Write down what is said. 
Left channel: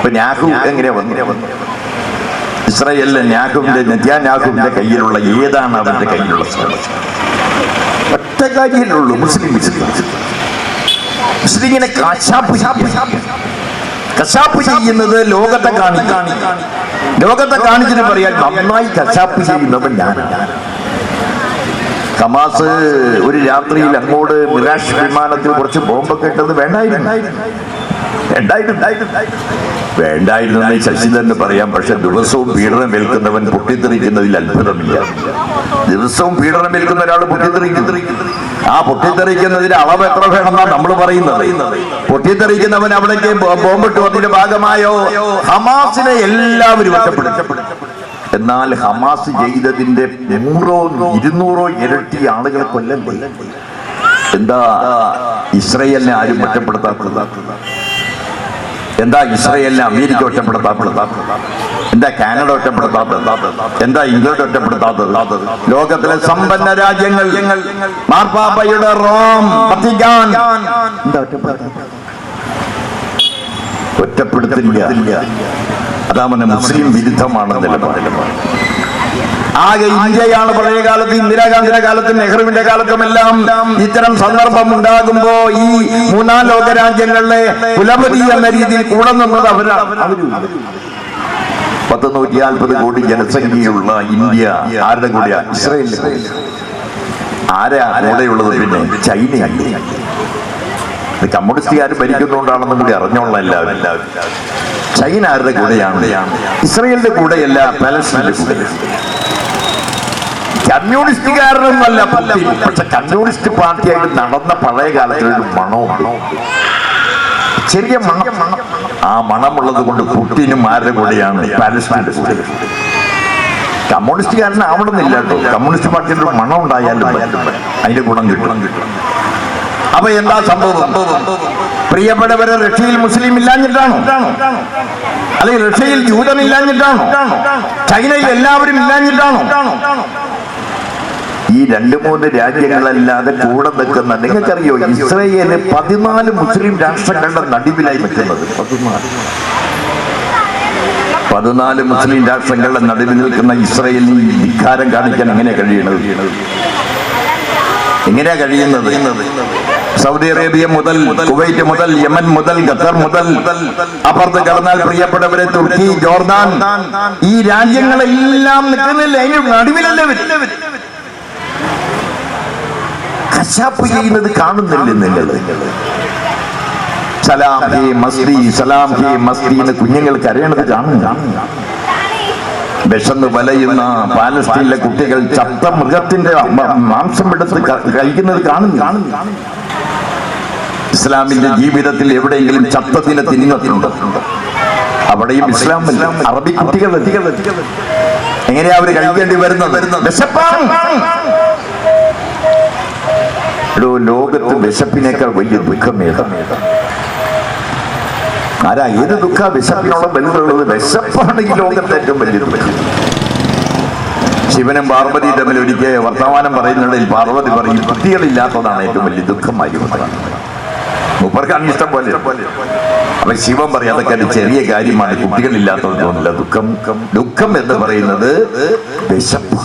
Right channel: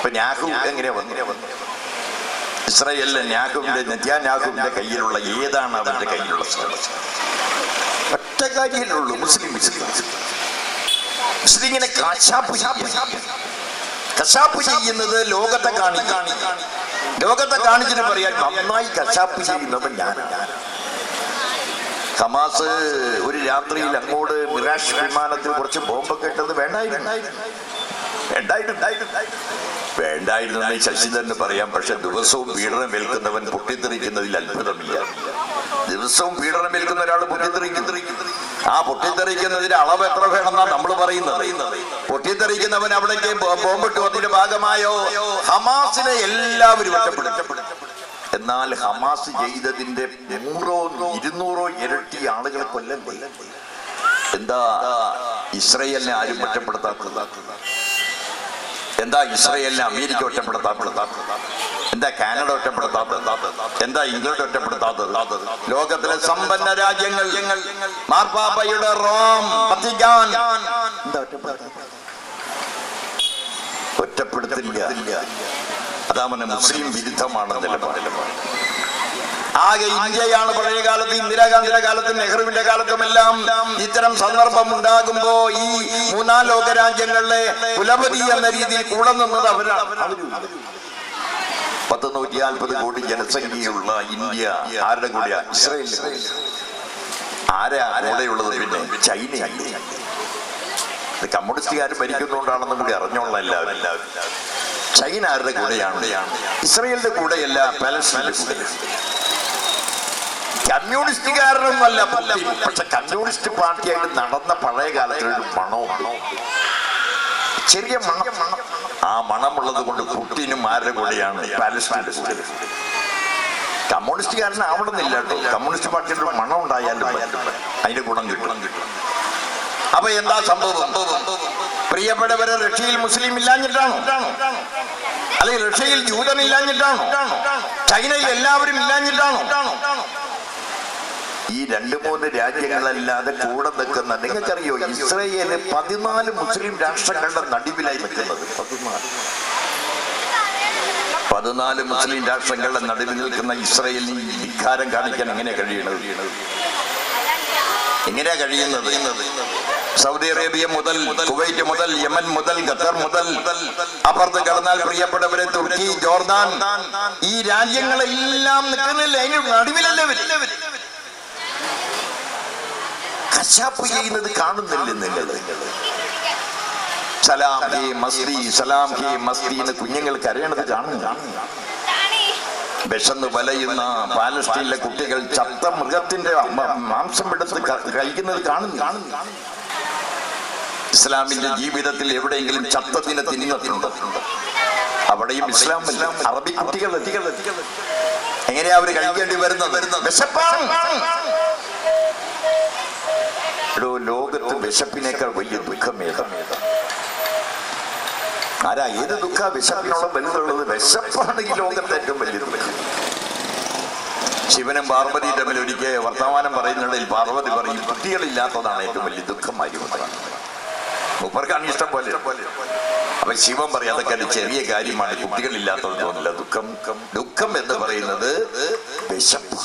ഇപ്പൊ ന്യാഹു എങ്ങനെയാ വന്നു? ഇസ്രായേലിലെ നെത്യാന്യാഹുവിന്റെ കയ്യിലുള്ള ഏതാണ് അവരുടെ കയ്യിലുള്ള ഒറ്റ കാര്യമുള്ളൂ, മുസ്ലിമിനെ കശാപ്പ് ചെയ്യുന്നത് ലോകത്തെ കാണിച്ചിട്ട് പറയാൻ നന്നായി കശാപ്പ് ചെയ്യുന്നവൻ ഞാനാണ്. ഹമാസ് ഒരു രാത്രിയിൽ അങ്ങോട്ട് മിറാഷ് വിമാനത്തിൽ കുറച്ച് ബോംബൊക്കെ ഇട്ടത് വേണ്ടായിരുന്നു ശശിധരന് പറയാം. പക്ഷെ ദിവസവും പീഡനം ഏൽക്കുന്നവൻ പൊട്ടിത്തെറിക്കുന്നതിൽ അത്ഭുതമില്ല. ദിവസവും പീഡനം ഏൽക്കുന്ന ഒരാൾ ആ പൊട്ടിത്തെറിക്കുന്നതിന്റെ അളവ് എത്ര വേണമെന്നാണ് നമ്മൾ പറയുന്നത്. പൊട്ടിത്തെറിക്കുന്നവൻ അവിടേക്ക് ബോംബിട്ട് അതിന്റെ ഭാഗമായോ ഹമാസിനെ എല്ലാവരും ഒറ്റപ്പെടുത്തപ്പെടും. എന്നാൽ ഹമാസ് ചെയ്തതിന്റെ 100-200 ഇരട്ടി ആളുകളെ കൊല്ലണ്ടേ? എന്താ ഇസ്രായേലിനെ ആരും ഒറ്റപ്പെടുത്താത്തത്? എന്താ ഇസ്രായേലിനെ അമേരിക്ക ഒറ്റപ്പെടുത്താത്തത്? എന്താ കാനഡ ഒറ്റപ്പെടുത്താത്തത്? എന്താ ഇംഗ്ലണ്ട് ഒറ്റപ്പെടുത്താത്തത്? ലോകത്തിലെ സമ്പന്ന രാജ്യങ്ങൾ, മാർപ്പാപ്പയുടെ റോം, വത്തിക്കാൻ എന്താ ഒറ്റപ്പെടുത്തില്ല? അതാണ് മുസ്ലിം വിരുദ്ധമാണ് നിലപാട്. ആകെ ഇന്ത്യയാണ് പഴയ കാലത്ത്, ഇന്ദിരാഗാന്ധിയുടെ കാലത്തും നെഹ്റുവിന്റെ കാലത്തുമെല്ലാം ഇത്തരം സന്ദർഭം ഉണ്ടാകുമ്പോ ഈ മൂന്നാം ലോക രാജ്യങ്ങളിലെ കുലപതി എന്ന രീതിയിൽ കൂടെ നിന്നത് അവരാണ്. 140 കോടി ജനസംഖ്യയുള്ള ഇന്ത്യ ആരുടെ കൂടെയാ? ഇസ്രായേലിന്റെ. ആരാ കൂടെയുള്ളത്? പിന്നെ ചൈനയല്ലേ. കമ്മ്യൂണിസ്റ്റുകാർ ഭരിക്കുന്നതുകൊണ്ടാണെന്നും കൂടി അറിഞ്ഞോളാം എല്ലാവരും. ചൈന ആരുടെ കൂടെയാണ്? ഇസ്രായേലിന്റെ കൂടെയല്ല, പാലസ്തീന്റെ കൂടെ. കമ്മ്യൂണിസ്റ്റുകാരനൊന്നല്ല, പക്ഷെ കമ്മ്യൂണിസ്റ്റ് പാർട്ടിയായിട്ട് നടന്ന പഴയ കാലത്തിലൊരു മണവും, ചെറിയ മണം. ആ മണമുള്ളത് കൊണ്ട് പുട്ടിനും ആരുടെ കൂടെയാണ്? പാലസ്തീന്റെ കൂടെ. കമ്മ്യൂണിസ്റ്റുകാരനാവണമെന്നില്ല കേട്ടോ. കമ്മ്യൂണിസ്റ്റ് പാർട്ടിയുടെ ഒരു മണം ഉണ്ടായാലും അതിന്റെ ഗുണം കിട്ടും. അപ്പൊ എന്താ സംഭവം? പ്രിയപ്പെട്ടവരെ, റഷ്യയിൽ മുസ്ലിം ഇല്ലാഞ്ഞിട്ടാണോ? അല്ലെങ്കിൽ റഷ്യയിൽ ജൂതമില്ലാഞ്ഞിട്ടാണോ? ചൈനയിൽ എല്ലാവരും ഇല്ലാഞ്ഞിട്ടാണോ? ഈ 2-3 രാജ്യങ്ങളല്ലാതെ കൂടെ നിൽക്കുന്ന, നിങ്ങൾക്കറിയോ ഇസ്രായേല് 14 മുസ്ലിം രാഷ്ട്രങ്ങളുടെ നടുവിലായി നിൽക്കുന്നത്? 14 മുസ്ലിം രാഷ്ട്രങ്ങളുടെ നടുവിൽ നിൽക്കുന്ന ഇസ്രായേലിന് ധിക്കാരം കാണിക്കാൻ എങ്ങനെയാ കഴിയുന്നത്? സൗദി അറേബ്യ മുതൽ, കുവൈറ്റ് മുതൽ, യമൻ മുതൽ, ഖത്തർ മുതൽ, അപ്പുറത്ത് കടന്നാൽ പ്രിയപ്പെട്ടവരെ തുർക്കി, ജോർദാൻ, ഈ രാജ്യങ്ങളെല്ലാം നിൽക്കുന്നില്ല, അതിന് നടുവിലല്ലേ കശാപ്പ് ചെയ്യുന്നത് കാണുന്നില്ല നിങ്ങൾ? സലാം ഹേ മസ്തി, സലാം ഹേ മസ്തി എന്ന് കുഞ്ഞുങ്ങൾ കരയണത് കാണുന്നു. വിശന്ന് വലയുന്ന പാലസ്തീനിലെ കുട്ടികൾ ചത്ത മൃഗത്തിന്റെ മാംസം എടുത്ത് കഴിക്കുന്നത് കാണുന്നു. ഇസ്ലാമിന്റെ ജീവിതത്തിൽ എവിടെയെങ്കിലും ചത്തതിനെ തിന്നുന്നുണ്ടോ? അവിടെയും ഇസ്ലാമില്ല. അറബി കുട്ടികൾ എങ്ങനെയാ അവര് കഴിക്കേണ്ടി വരുന്നത്? ലോകത്ത് വിശപ്പിനേക്കാൾ വലിയ ദുഃഖമേതാണ്? ആരാ? ഏത് ദുഃഖ വിശപ്പിനോളം വലുതുള്ളത്? വിശപ്പാണ് ഈ ലോകത്തെ ഏറ്റവും വലിയ ദുഃഖം. ശിവനും പാർവതി തമ്മിൽ ഒരിക്കൽ വർത്തമാനം പറയുന്നിടയിൽ പാർവതി പറയും, കുട്ടികളില്ലാത്തതാണ് ഏറ്റവും വലിയ ദുഃഖമായി. മൂപ്പർക്കാണ് ഇഷ്ടം പോലെ. അപ്പൊ ശിവൻ പറയും, അതൊക്കെ ഒരു ചെറിയ കാര്യമാണ്, കുട്ടികളില്ലാത്തത് തോന്നില്ല. ദുഃഖം എന്ന് പറയുന്നത് വിശപ്പ്.